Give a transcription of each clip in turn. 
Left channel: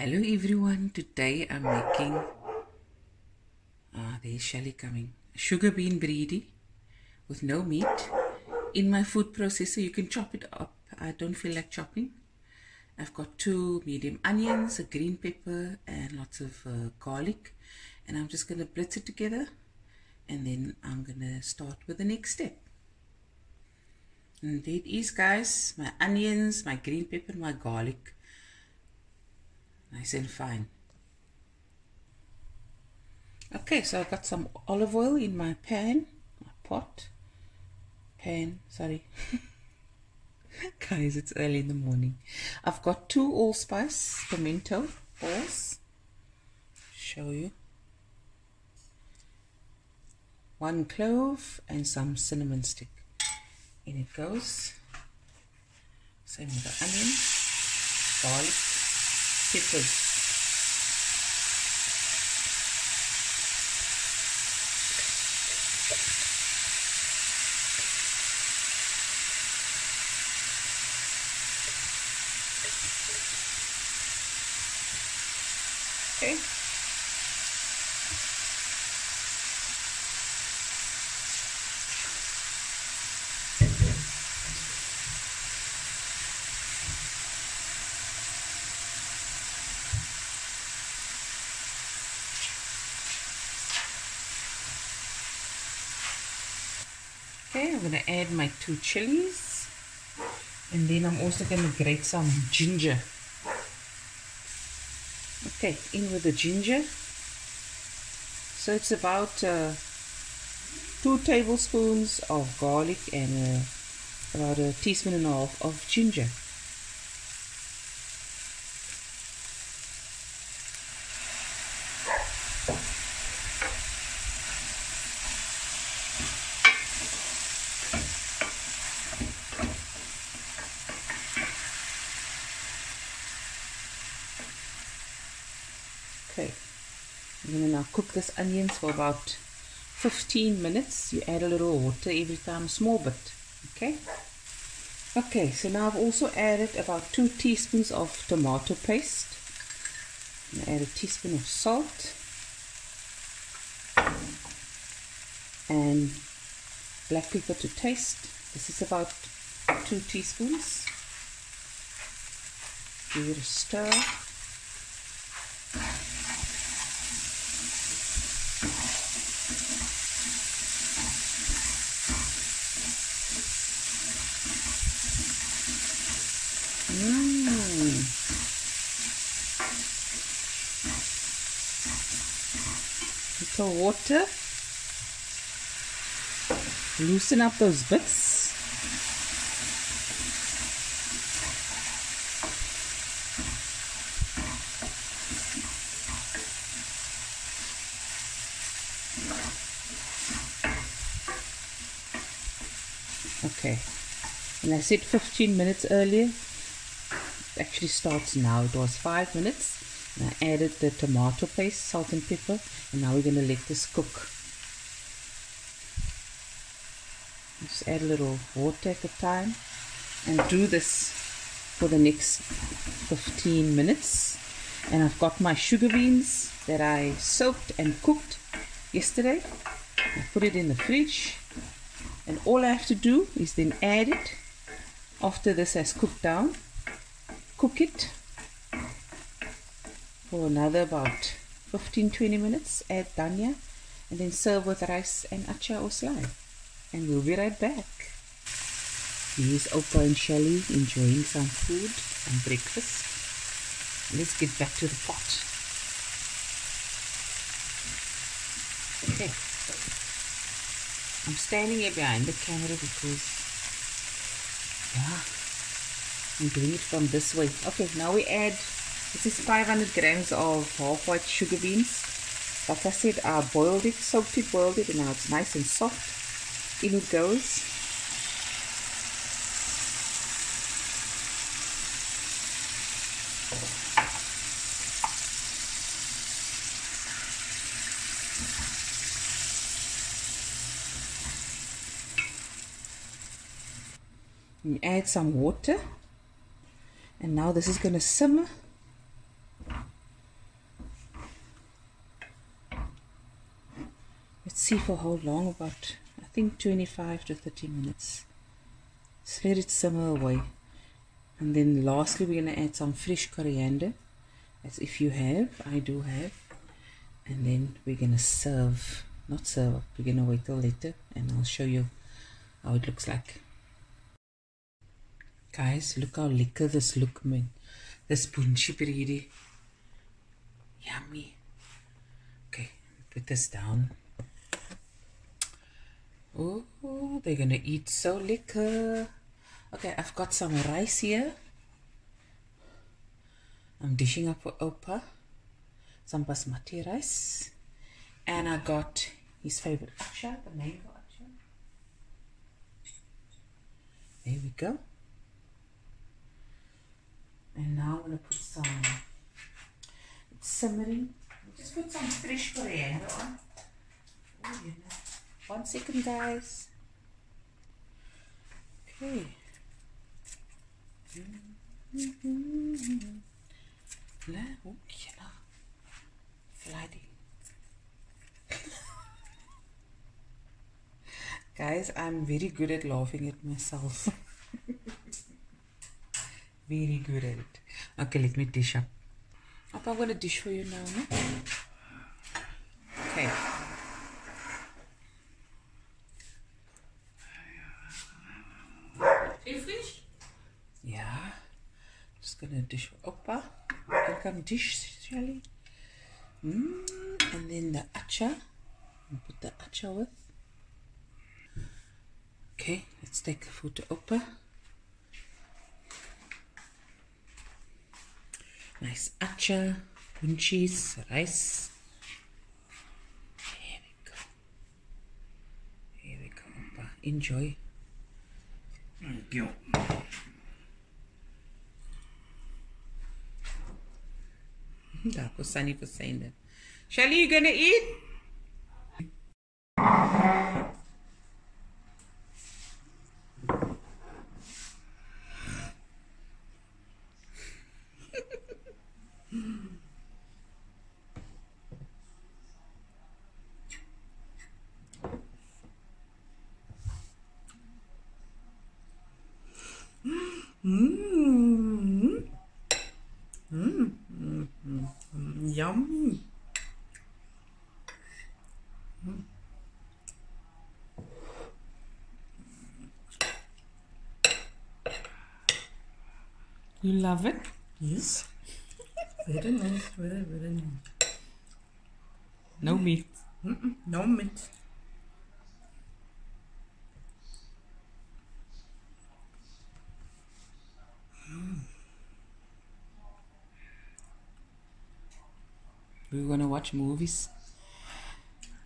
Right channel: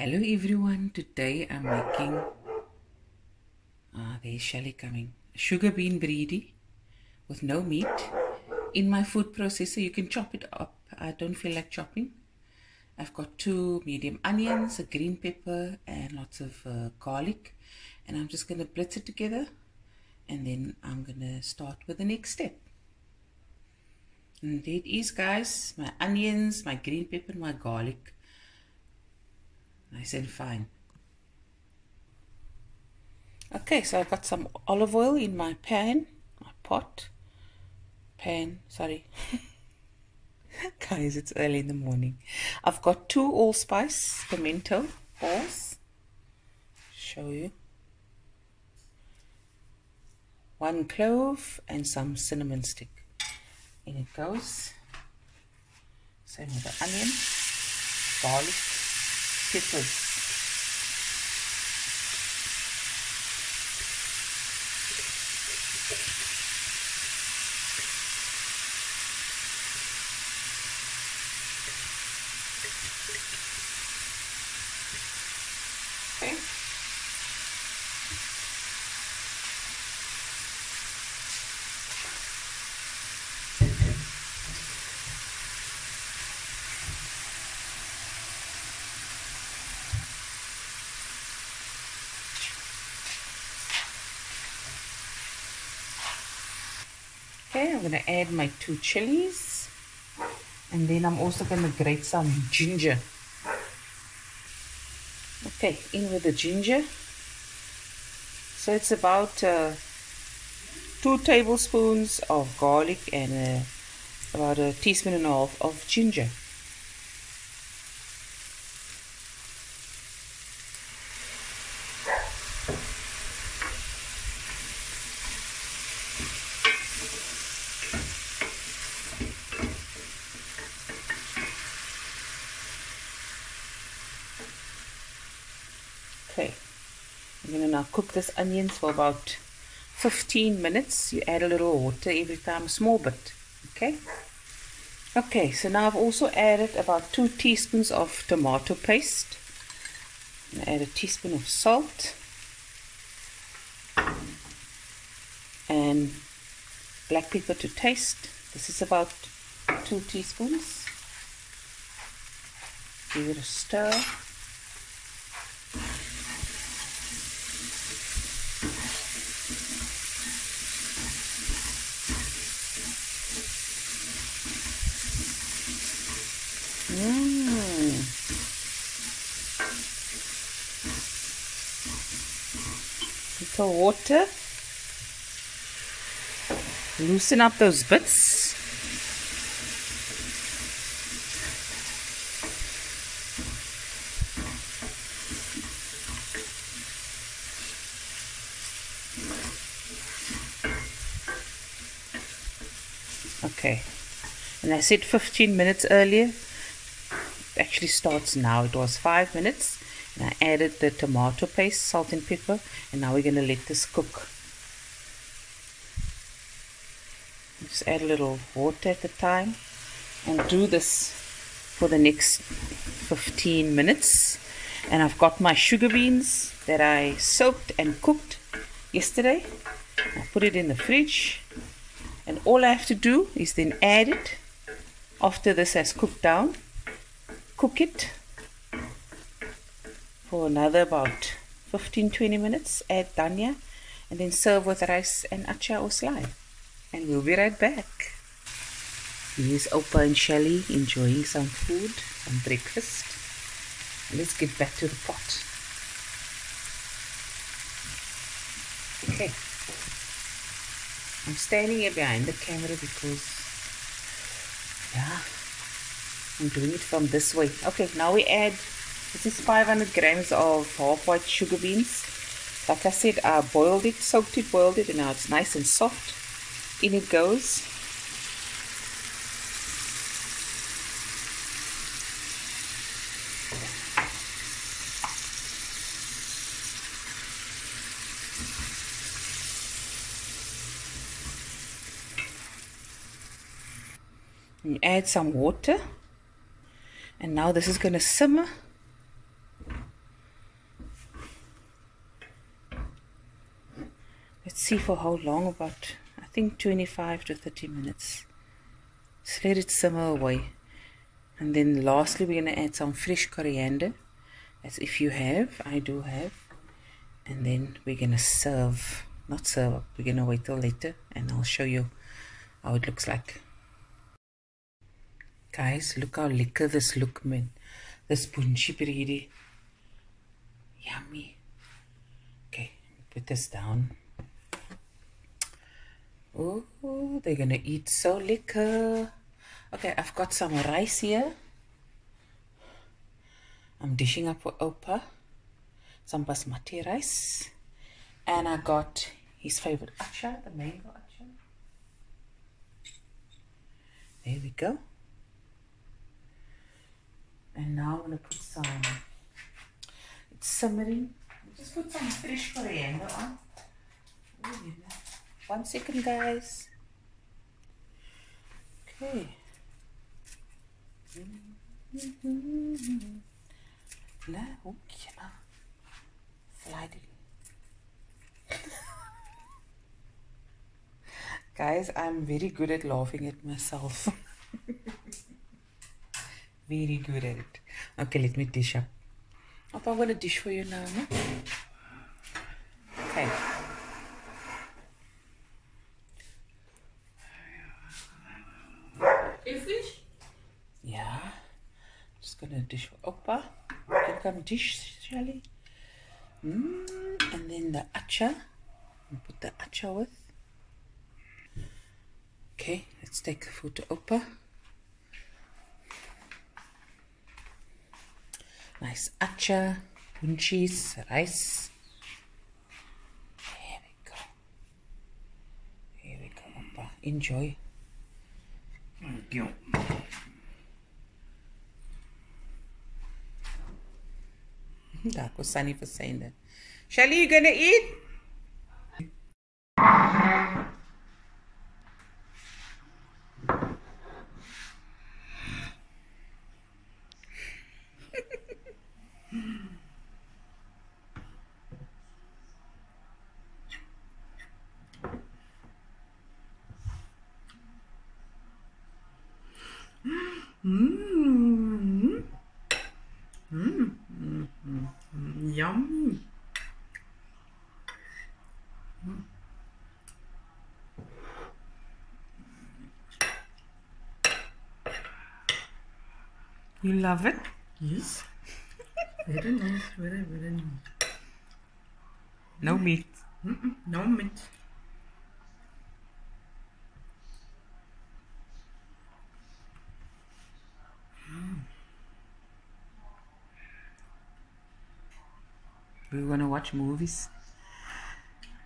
Hello everyone, today I'm making, there's Shelly coming, sugar bean bredie with no meat. In my food processor you can chop it up, I don't feel like chopping. I've got 2 medium onions, a green pepper and lots of garlic, and I'm just going to blitz it together and then I'm going to start with the next step. And there it is guys, my onions, my green pepper and my garlic. Nice and fine. Okay, so I've got some olive oil in my pan, sorry. Guys, it's early in the morning. I've got 2 allspice pimento balls. Show you. 1 clove and some cinnamon stick. In it goes. Same with the onion, garlic, peppers. Okay. Okay, I'm going to add my 2 chilies, and then I'm also going to grate some ginger. Okay, in with the ginger. So it's about 2 tablespoons of garlic and about a teaspoon and a half of ginger. Okay, I'm going to now cook this onions for about 15 minutes. You add a little water every time, a small bit. Okay. Okay, so now I've also added about 2 teaspoons of tomato paste. I'm going to add a teaspoon of salt and black pepper to taste. This is about 2 teaspoons. Give it a stir. Little water. Loosen up those bits. Okay, and I said 15 minutes earlier. It actually starts now. It was 5 minutes. And I added the tomato paste, salt and pepper, and now we're going to let this cook. Just add a little water at the time and do this for the next 15 minutes. And I've got my sugar beans that I soaked and cooked yesterday. I put it in the fridge, and all I have to do is then add it after this has cooked down. Cook it for another about 15-20 minutes, add dhania, and then serve with rice and acha or slime. And we'll be right back. Here's Opa and Shelly enjoying some food and breakfast. Let's get back to the pot. Okay. I'm standing here behind the camera because, I'm doing it from this way. Okay, now we add, this is 500 grams of half white sugar beans. Like I said, I boiled it, soaked it, boiled it, and now it's nice and soft. In it goes. You add some water, and now this is going to simmer let's see for how long, about I think 25 to 30 minutes. Just let it simmer away. And then lastly we're going to add some fresh coriander, as if you have, I do have. And then we're going to serve, not serve up, we're going to wait till later and I'll show you how it looks like. Guys, look how lekker this look, man. This bunchy bredie. Yummy. Okay, put this down. Oh, they're going to eat so lekker. Okay, I've got some rice here. I'm dishing up for Opa. Some basmati rice. And I got his favorite acha, the mango acha. There we go. And now I'm going to put some, it's simmering. Just put some fresh coriander on. Oh, you know. 1 second, guys. Okay. Guys, I'm very good at laughing at myself. Very good at it. Okay, let me dish up. I'm going to dish for you now. No? Okay. Fish? Yeah. Just going to dish for Opa. You can come dish, Shelly. And then the acha. Put the acha with. Okay, let's take the food to Opa. Nice acha, bunchies, rice. There we go. There we go, Opa. Enjoy. Thank you. That was Sunny for saying that. Shelly, you gonna eat? Yummy. You love it? Yes. Very nice. Very, very nice. No meat. No meat. We're gonna watch movies.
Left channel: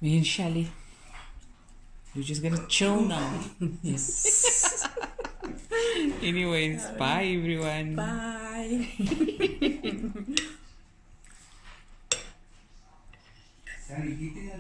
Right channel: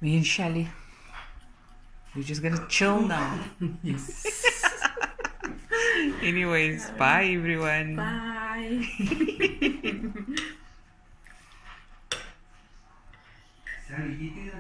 Me and Shelly. We're just gonna chill now. Yes. Anyways, bye everyone. Bye. Sorry, eating